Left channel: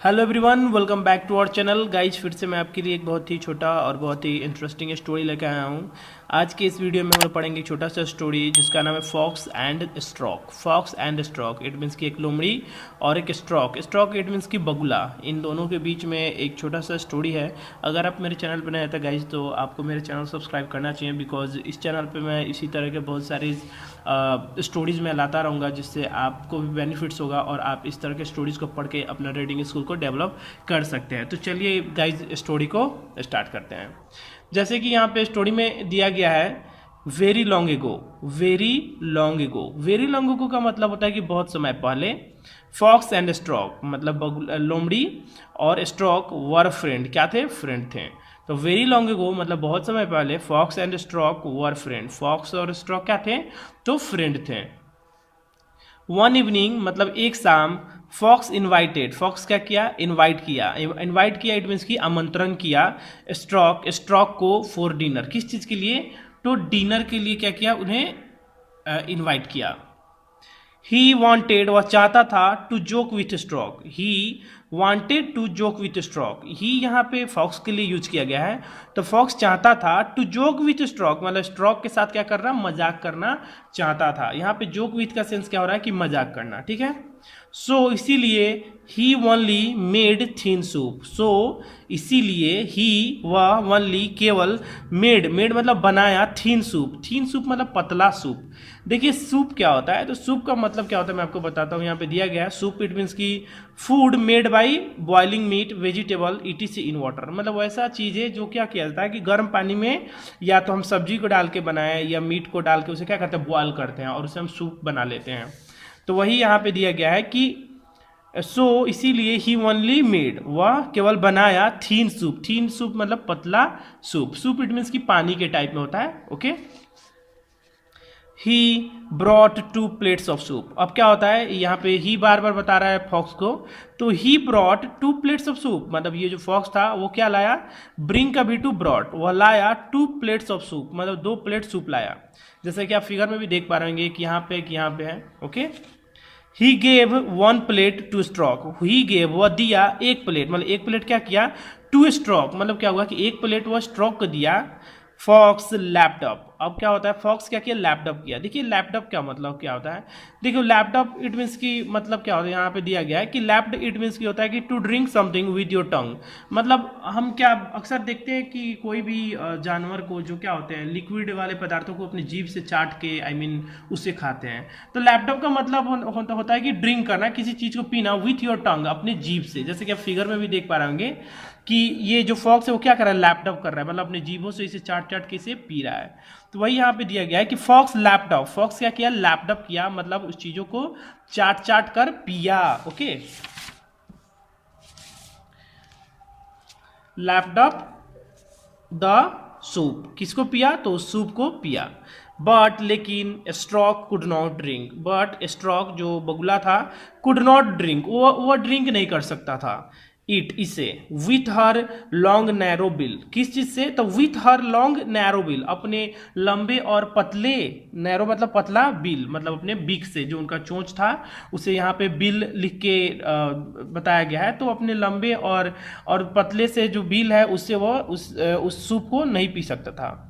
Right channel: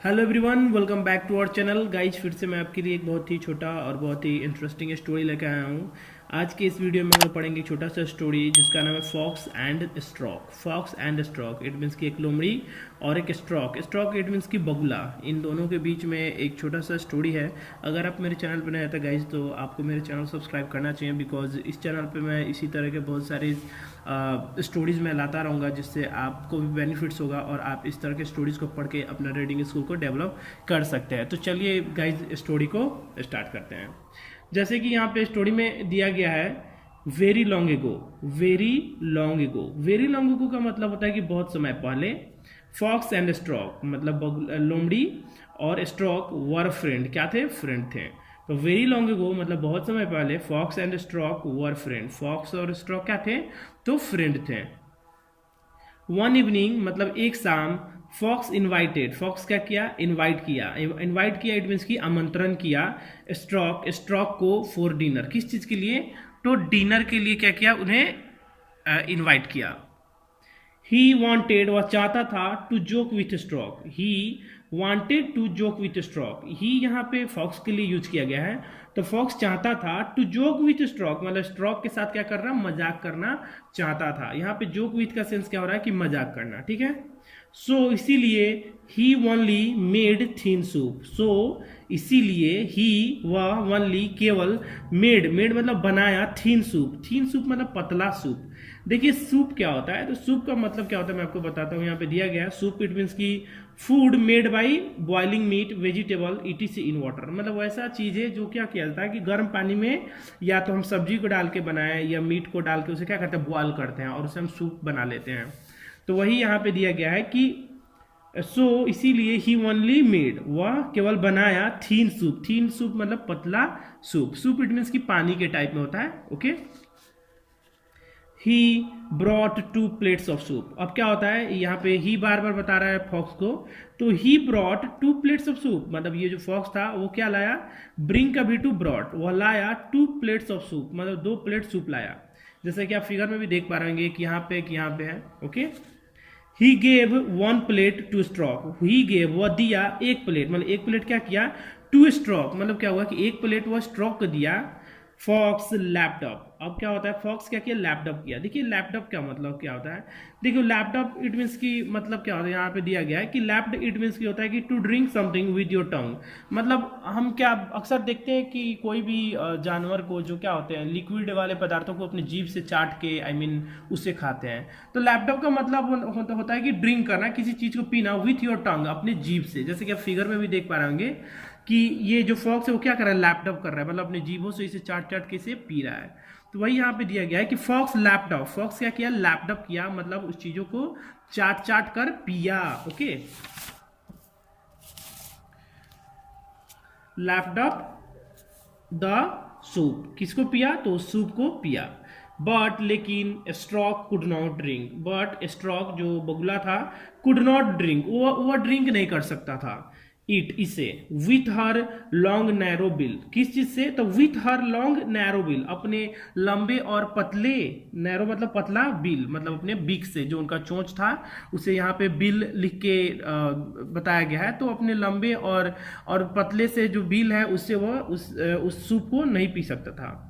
Hello everyone, welcome back to our channel guys. फिर से मैं आपके लिए एक बहुत ही छोटा और बहुत ही इंटरेस्टिंग स्टोरी लेकर आया हूँ। आज के इस वीडियो में हम पढ़ेंगे छोटा सा स्टोरी जिसका नाम है fox and stork. Fox and stork it means की एक लोमड़ी और एक स्ट्रॉक। स्ट्रॉक इट मीन्स की बगुला। इन दोनों के बीच में एक छोटा सा स्टोरी है। अगर आप मेरे चैनल पर नए हैं तो गाइज तो आपको मेरे चैनल सब्सक्राइब करना चाहिए, बिकॉज इस चैनल पर मैं इसी तरह के बहुत सारे स्टोरीज़ में लाता रहूँगा जिससे आपको भी बेनिफिट्स होगा और आप इस तरह के स्टोरीज़ को पढ़ के अपना रीडिंग स्किल को डेवलप कर सकते हैं। तो चलिए गाइज स्टोरी को स्टार्ट करते हैं। जैसे कि यहाँ पे स्टोरी में दिया गया है very long ago. Very long ago, very long ago का मतलब होता है कि बहुत समय पहले। फॉक्स एंड स्ट्रॉक मतलब लोमड़ी और स्ट्रॉक वर फ्रेंड। क्या थे? फ्रेंड थे। तो वेरी लॉन्ग एगो मतलब बहुत समय पहले fox and stork were friend. Fox और स्ट्रॉक क्या थे? तो फ्रेंड थे। वन इवनिंग मतलब एक शाम फॉक्स इनवाइटेड। फॉक्स क्या किया? इनवाइट किया। इनवाइट किया इट मीन्स की आमंत्रण किया स्ट्रॉक को फॉर डिनर। किस चीज़ के लिए? तो डिनर के लिए क्या किया? उन्हें इनवाइट किया। ही वॉन्टेड वह चाहता था to joke with stroke. He wanted to joke with stroke. ही यहाँ पे फॉक्स के लिए यूज किया गया है। तो फॉक्स चाहता था टू जोक विथ स्ट्रॉक मतलब स्ट्रॉक के साथ क्या कर रहा? मजाक करना चाहता था। यहाँ पे जोक विथ का सेंस क्या हो रहा है कि मजाक करना। ठीक है। सो इसीलिए ही ओनली मेड थीन सूप। सो इसीलिए ही वह ओनली केवल मेड मतलब बनाया थीन सूप। थीन सूप मतलब पतला सूप। देखिए सूप क्या होता है? तो सूप का मतलब क्या होता है मैं आपको बताता हूँ। यहाँ पे दिया गया है सूप इट मीन्स की food made by boiling meat vegetable etc in water. मतलब वैसा चीज़ है जो क्या किया जाता है कि गर्म पानी में या तो हम सब्जी को डाल के बनाएं या मीट को डाल के उसे क्या करते हैं? बॉयल करते हैं और उसे हम सूप बना लेते हैं। तो वही यहाँ पे दिया गया है कि सो इसीलिए ही ओनली मेड वह केवल बनाया थीन सूप। थीन सूप मतलब पतला सूप। सूप इट मीन्स की पानी के टाइप में होता है। Okay. He brought 2 plates of soup. अब क्या होता है यहाँ पे ही बार बार बता रहा है फॉक्स को। तो he brought 2 plates of soup मतलब ये जो फॉक्स था वो क्या लाया? ब्रिंग का भी टू ब्रॉट, वह लाया 2 प्लेट्स ऑफ सूप मतलब 2 प्लेट सूप लाया। जैसे कि आप फिगर में भी देख पा रहे हैं कि यहाँ पे है। Okay. He gave 1 plate to stork. He gave वह दिया 1 प्लेट मतलब 1 प्लेट क्या किया? टू स्ट्रॉक मतलब क्या हुआ कि 1 प्लेट वह स्ट्रॉक को दिया। Fox lapped up. अब क्या होता है? फॉक्स क्या किया? लैपटॉप किया। देखिए लैपटॉप क्या मतलब क्या होता है? देखिए लैपटॉप इट मीन्स की मतलब क्या होता है? यहाँ पे दिया गया है कि लैप्ड इट मीन्स की होता है कि to drink something with your tongue. मतलब हम क्या अक्सर देखते हैं कि कोई भी जानवर को जो क्या होते हैं लिक्विड वाले पदार्थों को अपनी जीभ से चाट के उससे खाते हैं। तो लैपटॉप का मतलब होता है कि ड्रिंक करना, किसी चीज़ को पीना विथ योर टंग अपने जीभ से। जैसे कि आप फिगर में भी देख पा रहे होंगे कि ये जो फॉक्स है वो क्या कर रहा है? लैपटॉप कर रहा है मतलब अपने जीभों से इसे चाट के इसे पी रहा है। तो वही यहाँ पे दिया गया है कि फॉक्स लैपटॉप। फॉक्स क्या किया? लैपटॉप किया मतलब उस चीजों को चाट कर पिया। ओके। Laptop the soup. किसको पिया? तो सूप को पिया। बट लेकिन stroke could not drink. But stroke जो बगुला था कुड नॉट ड्रिंक, वो ड्रिंक नहीं कर सकता था। इट इसे with her long narrow bill. किस चीज से? तो with her long narrow bill अपने लंबे और पतले, नैरो मतलब पतला, बिल मतलब अपने बिक से जो उनका चोंच था उसे यहाँ पे बिल लिख के बताया गया है। तो अपने लंबे और पतले से जो बिल है उससे वो उस सूप को नहीं पी सकता था।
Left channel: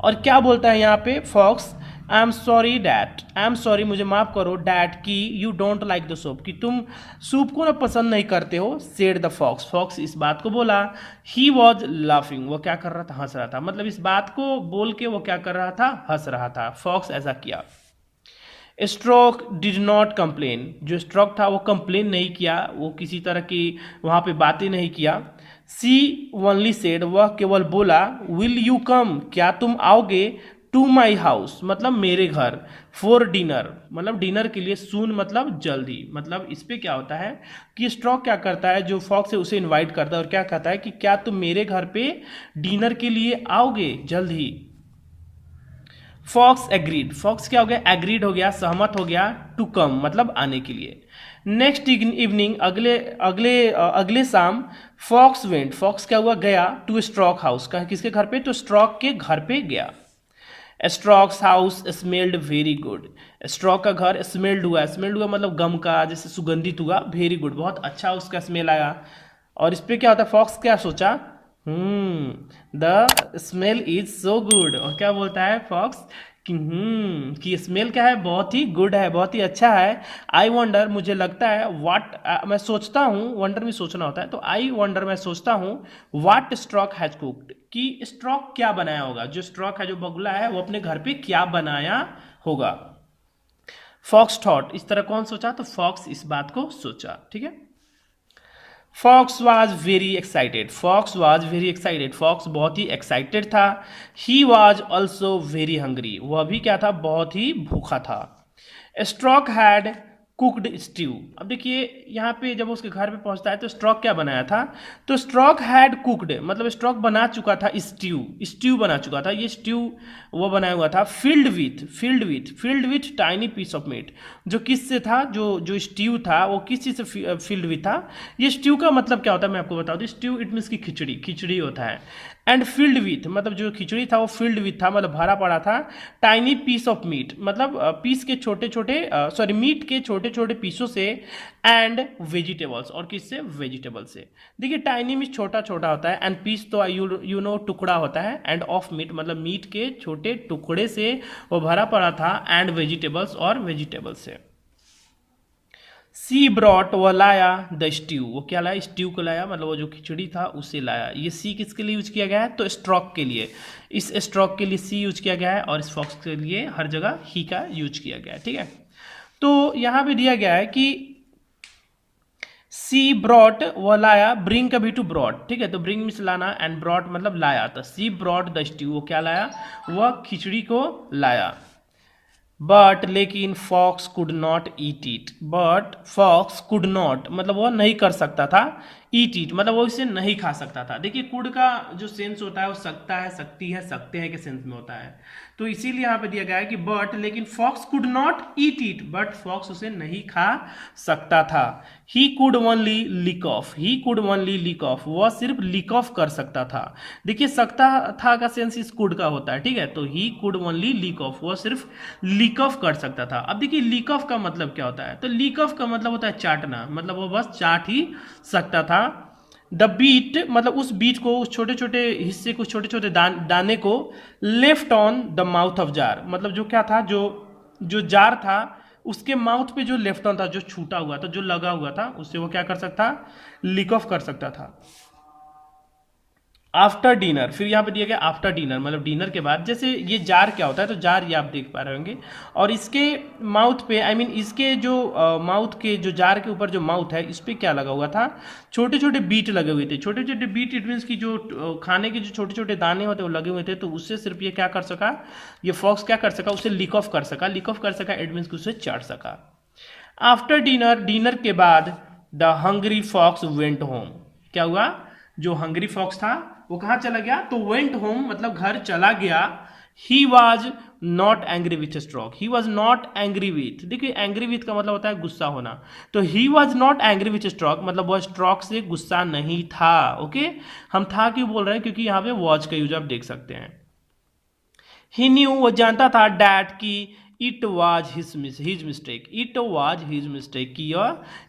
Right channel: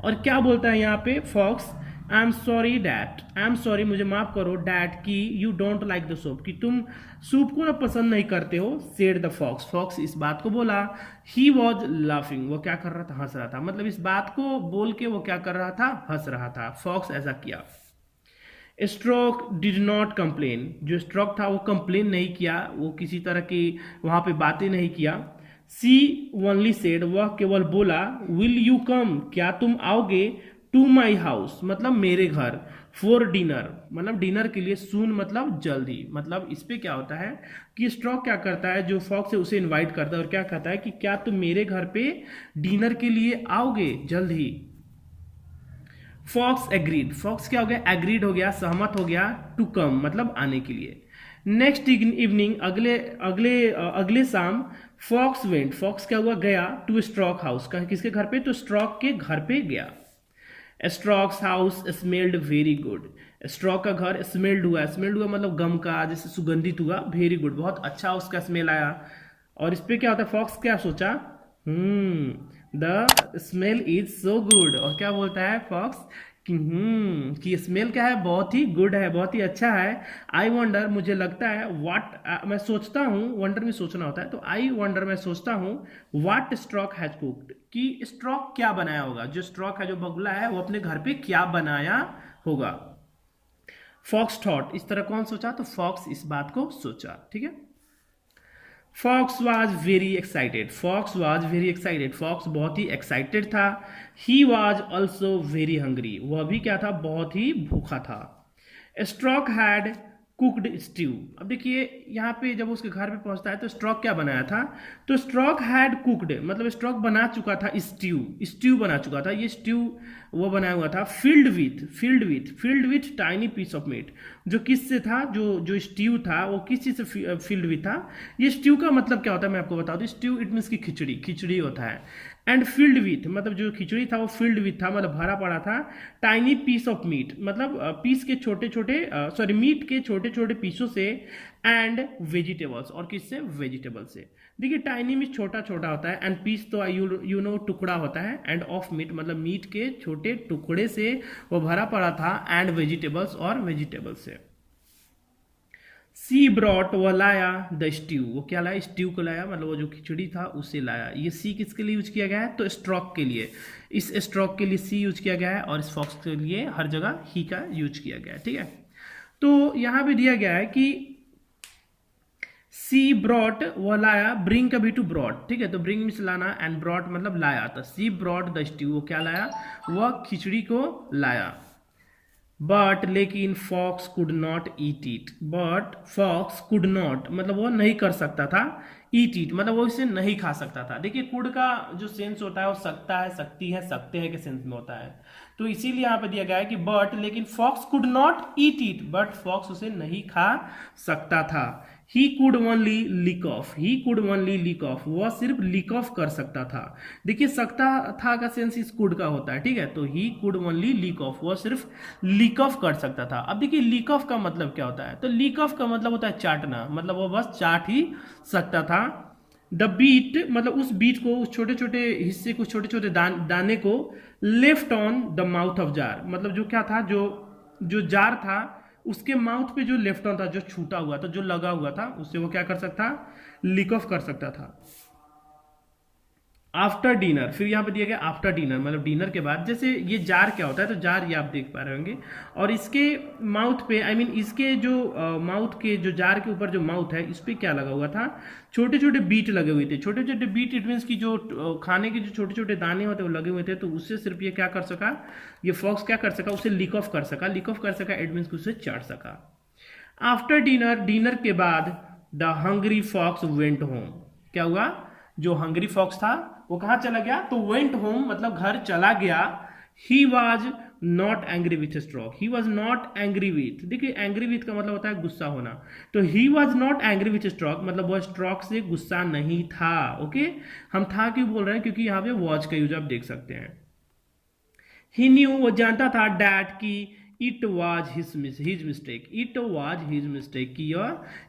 और क्या बोलता है यहाँ पे fox? I am sorry that. I am sorry मुझे माफ करो डैट कि you don't like the soup, कि तुम सूप को ना पसंद नहीं करते हो। Said the fox. फॉक्स इस बात को बोला। ही वॉज लाफिंग वो क्या कर रहा था? हंस रहा था। मतलब इस बात को बोल के वो क्या कर रहा था? हंस रहा था। फॉक्स ऐसा किया। Stroke did not complain. जो स्ट्रोक था वो कंप्लेन नहीं किया, वो किसी तरह की वहां पे बातें नहीं किया। सी ओनली सेड वह केवल बोला विल यू कम क्या तुम आओगे? टू माई हाउस मतलब मेरे घर। फॉर डिनर मतलब डिनर के लिए। सून मतलब जल्दी। मतलब इस पे क्या होता है कि स्ट्रॉक क्या करता है? जो फॉक्स है उसे इनवाइट करता है और क्या कहता है कि क्या तुम मेरे घर पे डिनर के लिए आओगे जल्द ही? Fox agreed. फॉक्स क्या हो गया? एग्रीड हो गया, सहमत हो गया। टू कम मतलब आने के लिए। नेक्स्ट इवनिंग अगले शाम फॉक्स वेंट। फॉक्स क्या हुआ? गया टू स्ट्रॉक हाउस। किसके घर पे? तो स्ट्रॉक के घर पे गया। Strokes house smelled very good. Stroke का घर स्मेल्ड हुआ मतलब गम का, जैसे सुगंधित हुआ। वेरी गुड, बहुत अच्छा उसका स्मेल आया। और इस पे क्या होता है, फॉक्स क्या सोचा, the smell is so good. और क्या बोलता है फॉक्स कि स्मेल क्या है, बहुत ही गुड है, बहुत ही अच्छा है। आई वंडर, मुझे लगता है, वाट मैं सोचता हूँ, वंडर में सोचना होता है, तो आई वंडर मैं सोचता हूँ, वाट स्ट्रॉक हैज कुक्ड, कि स्ट्रॉक क्या बनाया होगा, जो स्ट्रॉक है, जो बगुला है, वो अपने घर पे क्या बनाया होगा। फॉक्स थॉट, इस तरह कौन सोचा, तो फॉक्स इस बात को सोचा। ठीक है। Fox was very excited, fox was very excited, fox बहुत ही एक्साइटेड था। He was also very hungry, वह भी क्या था, बहुत ही भूखा था। Stork had cooked stew. अब देखिए यहाँ पे जब उसके घर पे पहुंचता है तो स्ट्रॉक क्या बनाया था, तो स्ट्रॉक हैड कुकड, मतलब स्ट्रॉक बना चुका था स्ट्यू बना चुका था। ये स्ट्यू वो बनाया हुआ था filled with tiny piece of meat. जो किस से था, जो स्ट्यू था वो किस चीज़ से फिल्ड विथ था। ये स्ट्यू का मतलब क्या होता है मैं आपको बता दूं, स्ट्यू इट मीन्स की खिचड़ी होता है। एंड फिल्ड विथ, मतलब जो खिचड़ी था वो फिल्ड विथ था, मतलब भरा पड़ा था। टाइनी पीस ऑफ मीट, मतलब पीस के छोटे छोटे मीट के छोटे छोटे पीसों से। एंड वेजिटेबल्स, और किससे, वेजिटेबल से। देखिए टाइनी मीट छोटा छोटा होता है, एंड पीस तो यू नो टुकड़ा होता है, एंड ऑफ मीट मतलब मीट के छोटे टुकड़े से वो भरा पड़ा था, एंड वेजिटेबल्स, और वेजिटेबल से। सी ब्रॉट, वो लाया द स्ट्यू, वो क्या लाया, स्ट्यू को लाया, मतलब वो जो खिचड़ी था उसे लाया। ये सी किसके लिए यूज किया गया है, तो स्ट्रॉक के लिए। इस स्ट्रॉक के लिए सी यूज किया गया है, और इस फॉक्स के लिए हर जगह ही का यूज किया गया है। ठीक है। तो यहां पे दिया गया है कि सी ब्रॉट, वो लाया, ब्रिंग कभी टू ब्रॉट। ठीक है, तो ब्रिंग मीन्स लाना, एंड ब्रॉट मतलब लाया। तो सी ब्रॉट द स्ट्यू, वो क्या लाया, वह खिचड़ी को लाया। बट लेकिन fox could not eat it, but fox could not मतलब वो नहीं कर सकता था, ईट इट मतलब वो इसे नहीं खा सकता था। देखिए कुड का जो सेंस होता है वो सकता है, सकती है, सकते हैं के सेंस में होता है। तो इसीलिए यहाँ पे दिया गया है कि बट लेकिन fox could not eat it, but fox उसे नहीं खा सकता था। He could only lick off, he could only lick off, वह सिर्फ लिक ऑफ कर सकता था। देखिए सकता था का सेंस इस कुड का होता है। ठीक है, तो he could only lick off, वह सिर्फ लिक ऑफ कर सकता था। अब देखिए लिक ऑफ का मतलब क्या होता है, तो लिक ऑफ का मतलब होता है चाटना, मतलब वह बस चाट ही सकता था। द बीट मतलब उस बीट को, उस छोटे छोटे हिस्से को, छोटे छोटे दाने को left on the mouth of jar, मतलब जो क्या था, जो जार था उसके माउथ पे जो लेफ्ट ऑन था, जो छूटा हुआ था, जो लगा हुआ था, उससे वो क्या कर सकता, लिक ऑफ कर सकता था। आफ्टर डिनर, फिर यहाँ पे दिया गया आफ्टर डिनर, मतलब डिनर के बाद। जैसे ये जार क्या होता है, तो जार ये आप देख पा रहे होंगे, और इसके माउथ पे आई मीन इसके जो माउथ के जो जार के ऊपर जो माउथ है, इस पे क्या लगा हुआ था, छोटे छोटे बीट लगे हुए थे। छोटे छोटे बीट इट मीन्स की जो खाने के जो छोटे छोटे दाने होते हैं वो लगे हुए थे। तो उससे सिर्फ ये क्या कर सका, ये फॉक्स क्या कर सका, उसे लिक ऑफ कर सका। लिक ऑफ कर सका इट मीन्स उसे चाट सका। आफ्टर डिनर, डिनर के बाद the hungry fox went home. क्या हुआ, जो हंग्री फॉक्स था वो कहाँ चला गया, तो वेंट होम मतलब घर चला गया। He was not angry with stroke, he was not angry with, देखिए एंग्री विथ का मतलब होता है गुस्सा होना। तो he was not angry with stroke मतलब वह स्ट्रॉक से गुस्सा नहीं था। ओके, हम था क्यों बोल रहे हैं, क्योंकि यहाँ पे वॉच का यूज आप देख सकते हैं। ही न्यू, वो जानता था, डैट की it was his mistake, it was his mistake, कि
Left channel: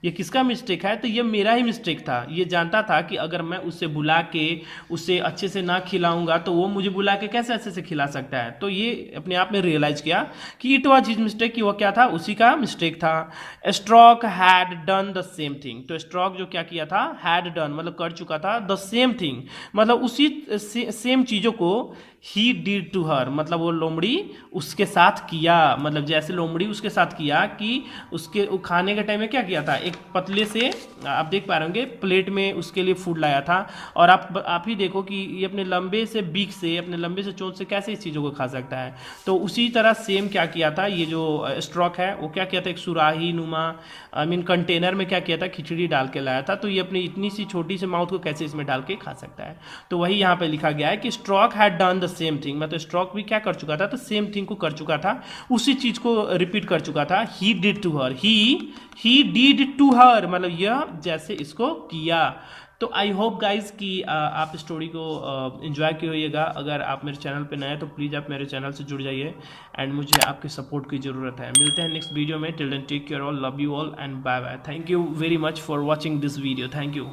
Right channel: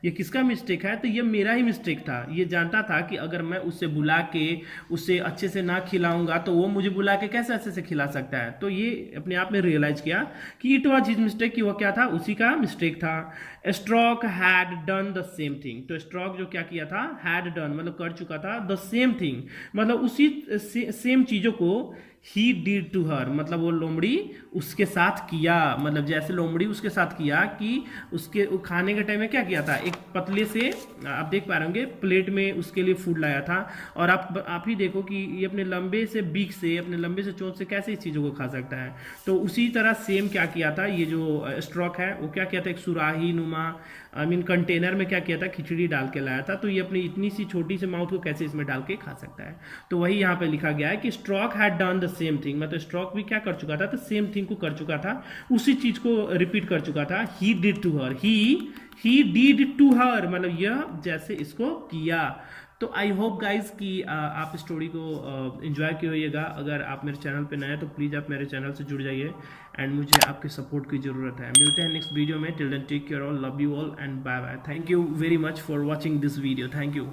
ये किसका मिस्टेक है, तो ये मेरा ही मिस्टेक था। ये जानता था कि अगर मैं उसे बुला के उसे अच्छे से ना खिलाऊंगा तो वो मुझे बुला के कैसे अच्छे से खिला सकता है। तो ये अपने आप में रियलाइज किया कि इट वॉज हिज मिस्टेक, कि वो क्या था, उसी का मिस्टेक था। Stork had done the same thing, तो स्ट्रॉक जो क्या किया था, हैड डन मतलब कर चुका था, द सेम थिंग मतलब उसी सेम चीजों को ही डिड टू हर मतलब वो लोमड़ी उसके साथ किया, मतलब जैसे लोमड़ी उसके साथ किया कि उसके खाने के टाइम में क्या किया था, एक पतले से आप देख पा रहे होंगे प्लेट में उसके लिए फूड लाया था। और आप ही देखो कि ये अपने लंबे से बीक से, अपने लंबे से चोंच से कैसे इस चीज़ों को खा सकता है। तो उसी तरह सेम क्या किया था, ये जो स्ट्रॉक है वो क्या किया था, एक सुराही नुमा आई मीन कंटेनर में क्या किया था, खिचड़ी डाल के लाया था। तो ये अपनी इतनी सी छोटी सी माउथ को कैसे इसमें डाल के खा सकता है। तो वही यहाँ पे लिखा गया है कि stroke had done the same thing, मतलब स्ट्रॉक भी क्या कर चुका था, तो सेम थिंग को कर चुका था, उसी चीज को रिपीट कर चुका था। He did to her, he did to her, मतलब यह जैसे इसको किया। तो आई होप गाइज कि आप स्टोरी को एंजॉय किए होइएगा। अगर आप मेरे चैनल पे नए हैं तो प्लीज़ आप मेरे चैनल से जुड़ जाइए एंड मुझे आपके सपोर्ट की ज़रूरत है। मिलते हैं नेक्स्ट वीडियो में। Till then take care all, love you all and bye bye. Thank you very much for watching this video. Thank you.